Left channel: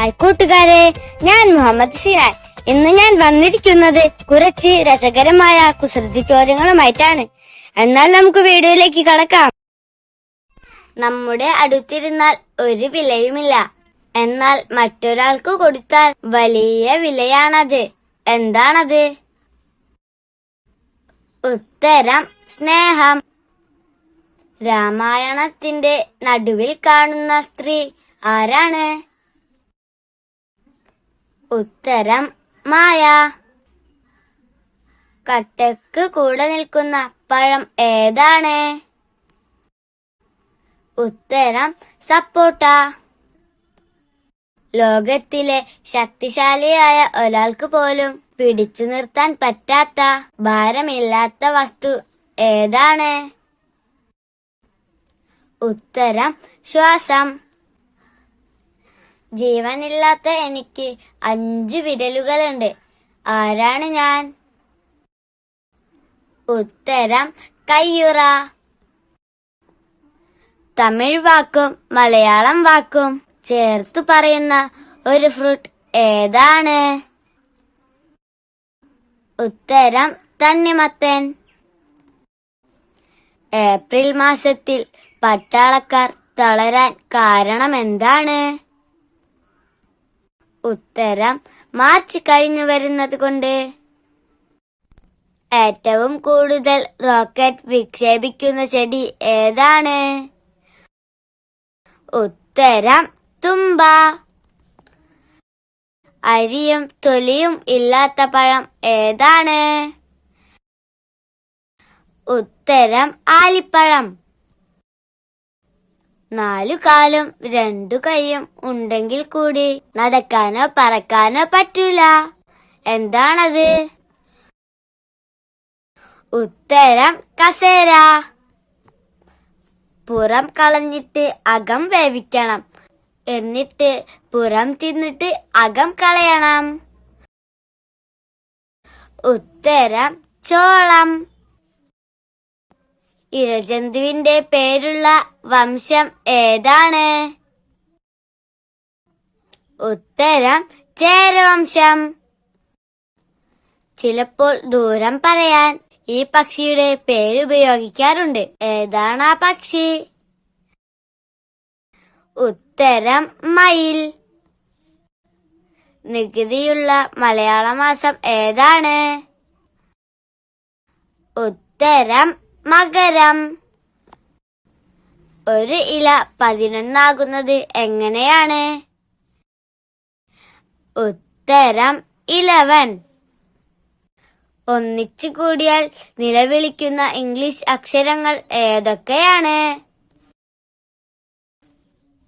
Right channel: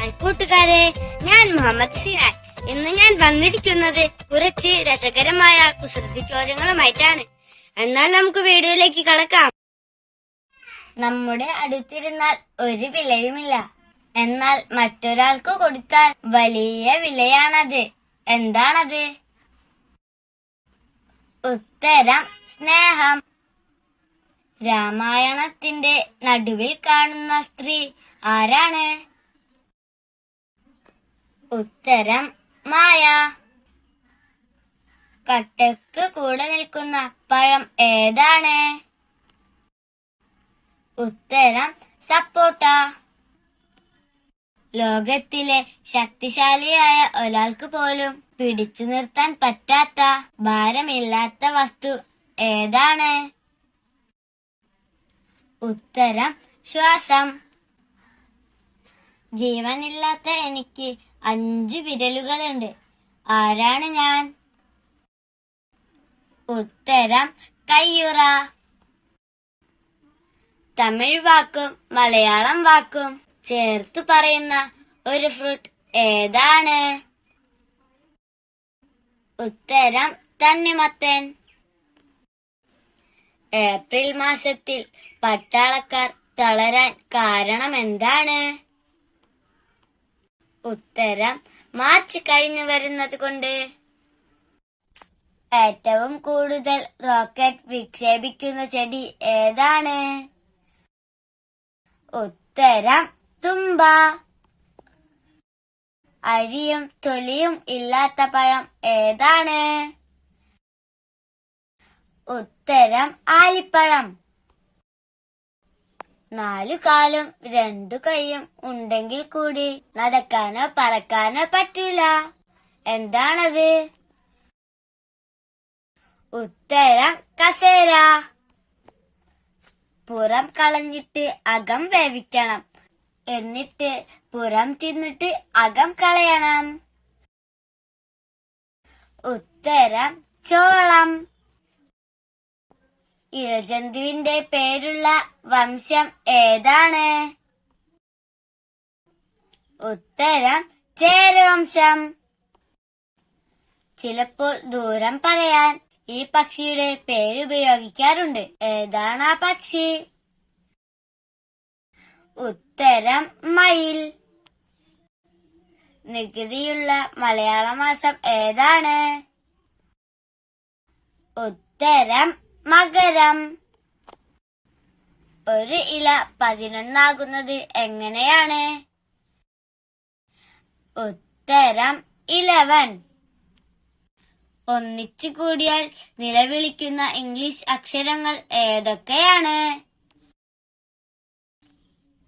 Hi കൂട്ടുകാരെ ഞാൻ മുഹമ്മദ് സിറാൻ ഇന്ന് ഞാൻ വന്നിരിക്കുന്നത് കുറച്ച് രസകരമായ കുസൃതി ചോദ്യങ്ങളുമായിട്ടാണ്. എന്നാൽ നമുക്ക് വീഡിയോയിലേക്ക് കടക്കാം. നമ്മുടെ അടുത്തിരുന്നാൽ ഒരു വിലയുമില്ല. എന്നാൽ മറ്റൊരാൾക്ക് കൊടുത്താൽ വലിയ വിലയാണത്. എന്താണത്? ഉത്തരം സ്നേഹം. രാമായണത്തിന്റെ നടുവിൽ കാണുന്ന സ്ത്രീ ആരാണ്? ഉത്തരം മായ. കട്ടക്ക് കൂടെ നിൽക്കുന്ന പഴം ഏതാണ്? ഉത്തരം സപ്പോട്ട. ലോകത്തിലെ ശക്തിശാലിയായ ഒരാൾക്ക് പോലും പിടിച്ചു നിർത്താൻ പറ്റാത്ത ഭാരമില്ലാത്ത വസ്തു ഏതാണ്? ഉത്തരം ശ്വാസം. ജീവനില്ലാത്ത എനിക്ക് അഞ്ച് വിരലുകളുണ്ട്. ആരാണ് ഞാൻ? ഉത്തരം കയ്യുറ. തമിഴ് വാക്കും മലയാളം വാക്കും ചേർത്തു പറയുന്ന ഒരു ഫ്രൂട്ട് ഏതാണ്? ഉത്തരം തണ്ണിമത്തൻ. ഏപ്രിൽ മാസത്തിൽ പട്ടാളക്കാർ തളരാൻ കാരണം എന്താണ്? ഉത്തരം മാർച്ച് കഴിഞ്ഞു വരുന്നത് കൊണ്ട്. ഏറ്റവും കൂടുതൽ റോക്കറ്റ് വിക്ഷേപിക്കുന്ന ചെടി ഏതാണ്? ഉത്തരം തുമ്പ. അരിയും തൊലിയും ഇല്ലാത്ത പഴം ഏതാണ്? ഉത്തരം ആലിപ്പഴം. നാലു കാലും രണ്ടു കൈയും ഉണ്ടെങ്കിൽ കൂടി നടക്കാനോ പറക്കാനോ പറ്റൂല. എന്താണത്? ഉത്തരം കസേര. പുറം കളഞ്ഞിട്ട് അകം വേവിക്കണം. എന്നിട്ട് പുറം തിന്നിട്ട് അകം കളയണം. ഉത്തരം ചോളം. ഇഴജന്തുവിന്റെ പേരുള്ള വംശം ഏതാണ്? ഉത്തരം ചേരവംശം. ചിലപ്പോൾ ദൂരം പറയാൻ ഈ പക്ഷിയുടെ പേര് ഉപയോഗിക്കാറുണ്ട്. ഏതാണ് ആ പക്ഷി? ഉത്തരം മയിൽ. നികുതിയുള്ള മലയാള മാസം ഏതാണ്? ഉത്തരം മകരം. ഒരു ഇല പതിനൊന്നാകുന്നത് എങ്ങനെയാണ്? ഉത്തരം ഇലവൻ ഒന്നിച്ചു കൂടിയാൽ നിലവിളിക്കുന്ന ഇംഗ്ലീഷ് അക്ഷരങ്ങൾ ഏതൊക്കെയാണ്?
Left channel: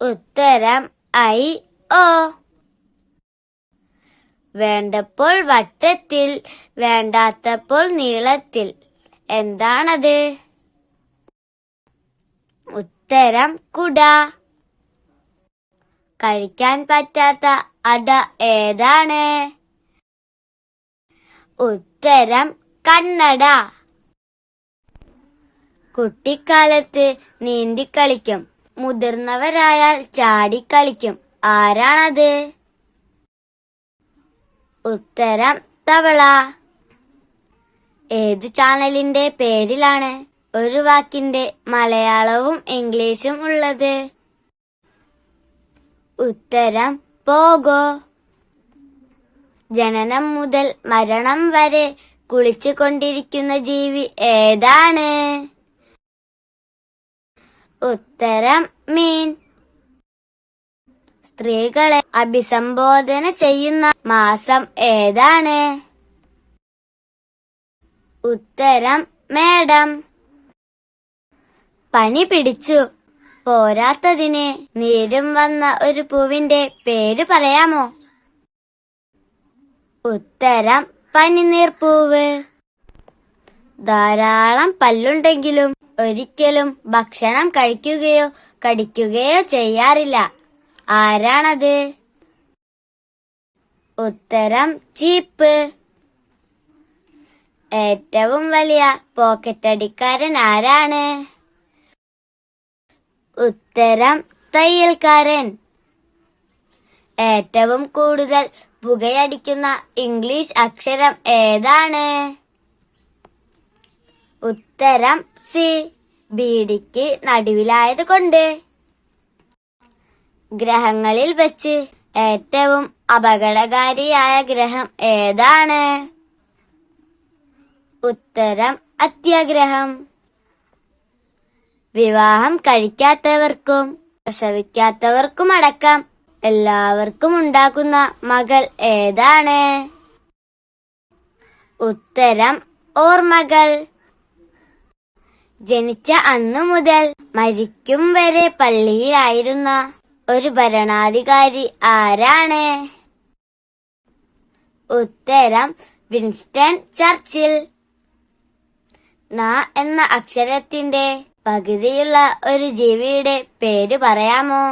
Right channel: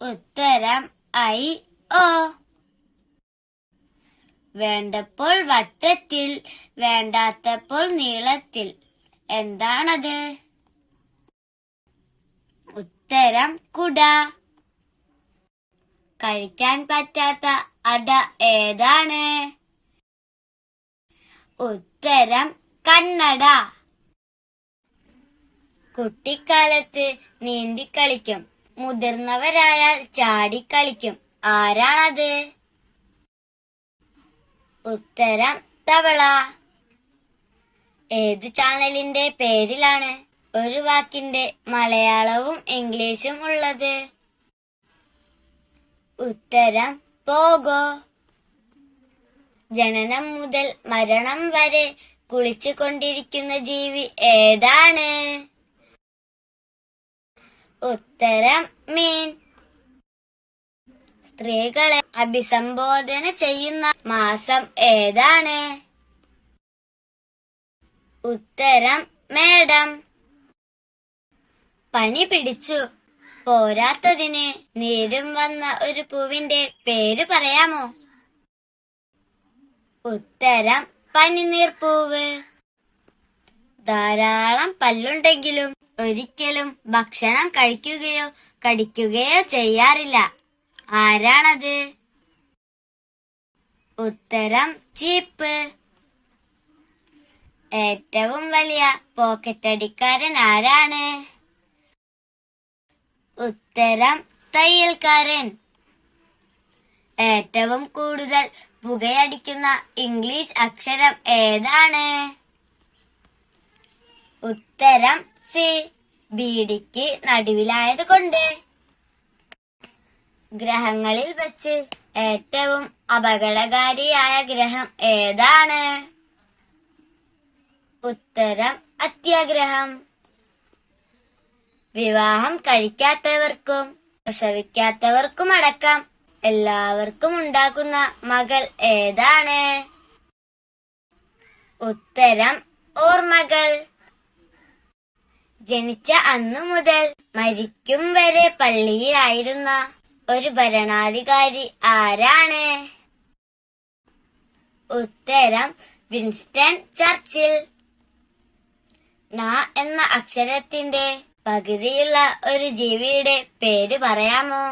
ഉത്തരം ഐ ഓ വേണ്ടപ്പോൾ വട്ടത്തിൽ വേണ്ടാത്തപ്പോൾ നീളത്തിൽ. എന്താണത്? ഉത്തരം കുട. കഴിക്കാൻ പറ്റാത്ത അട ഏതാണ്? ഉത്തരം കണ്ണട. കുട്ടിക്കാലത്ത് നീന്തിക്കളിക്കും. മുതിർന്നവരായാൽ ചാടിക്കളിക്കും. ആരാണത്? ഉത്തരം തവള. ഏത് ചാനലിന്റെ പേരിലാണ് ഒരു വാക്കിന്റെ മലയാളവും ഇംഗ്ലീഷും ഉള്ളത്? ഉത്തരം പോകോ. ജനനം മുതൽ മരണം വരെ കുളിച്ചു കൊണ്ടിരിക്കുന്ന ജീവി ഏതാണ്? ഉത്തരം മീൻ. സ്ത്രീകളെ അഭിസംബോധന ചെയ്യുന്ന മാസം ഏതാണ്? ഉത്തരം മേഡം. പനി പിടിച്ചു. പോരാത്തതിന് നീരും വന്ന ഒരു പൂവിന്റെ പേര് പറയാമോ? ഉത്തരം പനിനീർപ്പൂവ് ധാരാളം പല്ലുണ്ടെങ്കിലും ഒരിക്കലും ഭക്ഷണം കഴിക്കുകയോ കടിക്കുകയോ ചെയ്യാറില്ല. ആരാണത്? ഉത്തരം ചീപ്പ്. ഏറ്റവും വലിയ പോക്കറ്റ് അടിക്കാരൻ ആരാണ്? ഉത്തരം തയ്യൽക്കാരൻ. ഏറ്റവും കൂടുതൽ പുകയടിക്കുന്ന ഇംഗ്ലീഷ് അക്ഷരം ഏതാണ്? ഉത്തരം സി. ബീഡിക്ക് നടുവിലായത് കൊണ്ട്. ഗ്രഹങ്ങളിൽ വെച്ച് ഏറ്റവും അപകടകാരിയായ ഗ്രഹം ഏതാണ്? ഉത്തരം അത്യാഗ്രഹം. വിവാഹം കഴിക്കാത്തവർക്കും പ്രസവിക്കാത്തവർക്കും അടക്കം എല്ലാവർക്കും ഉണ്ടാക്കുന്ന മകൾ ഏതാണ്? ഉത്തരം ഓർമ്മകൾ. ജനിച്ച അന്നു മുതൽ മരിക്കും വരെ പള്ളിയിലായിരുന്ന ഒരു ഭരണാധികാരി ആരാണ്? ഉത്തരം വിൻസ്റ്റൺ ചർച്ചിൽ. ന എന്ന അക്ഷരത്തിന്റെ പകുതിയുള്ള ഒരു ജീവിയുടെ പേര് പറയാമോ?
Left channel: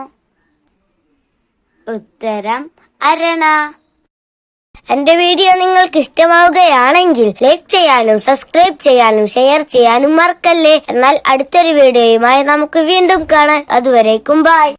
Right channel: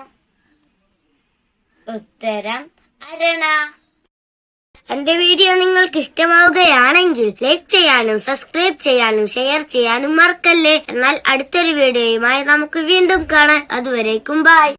ഉത്തരം അരണ. എന്റെ വീഡിയോ നിങ്ങൾക്ക് ഇഷ്ടമാവുകയാണെങ്കിൽ ലൈക്ക് ചെയ്യാനും സബ്സ്ക്രൈബ് ചെയ്യാനും ഷെയർ ചെയ്യാനും മറക്കല്ലേ. എന്നാൽ അടുത്തൊരു വീഡിയോയുമായി നമുക്ക് വീണ്ടും കാണാം. അതുവരേക്കും ബൈ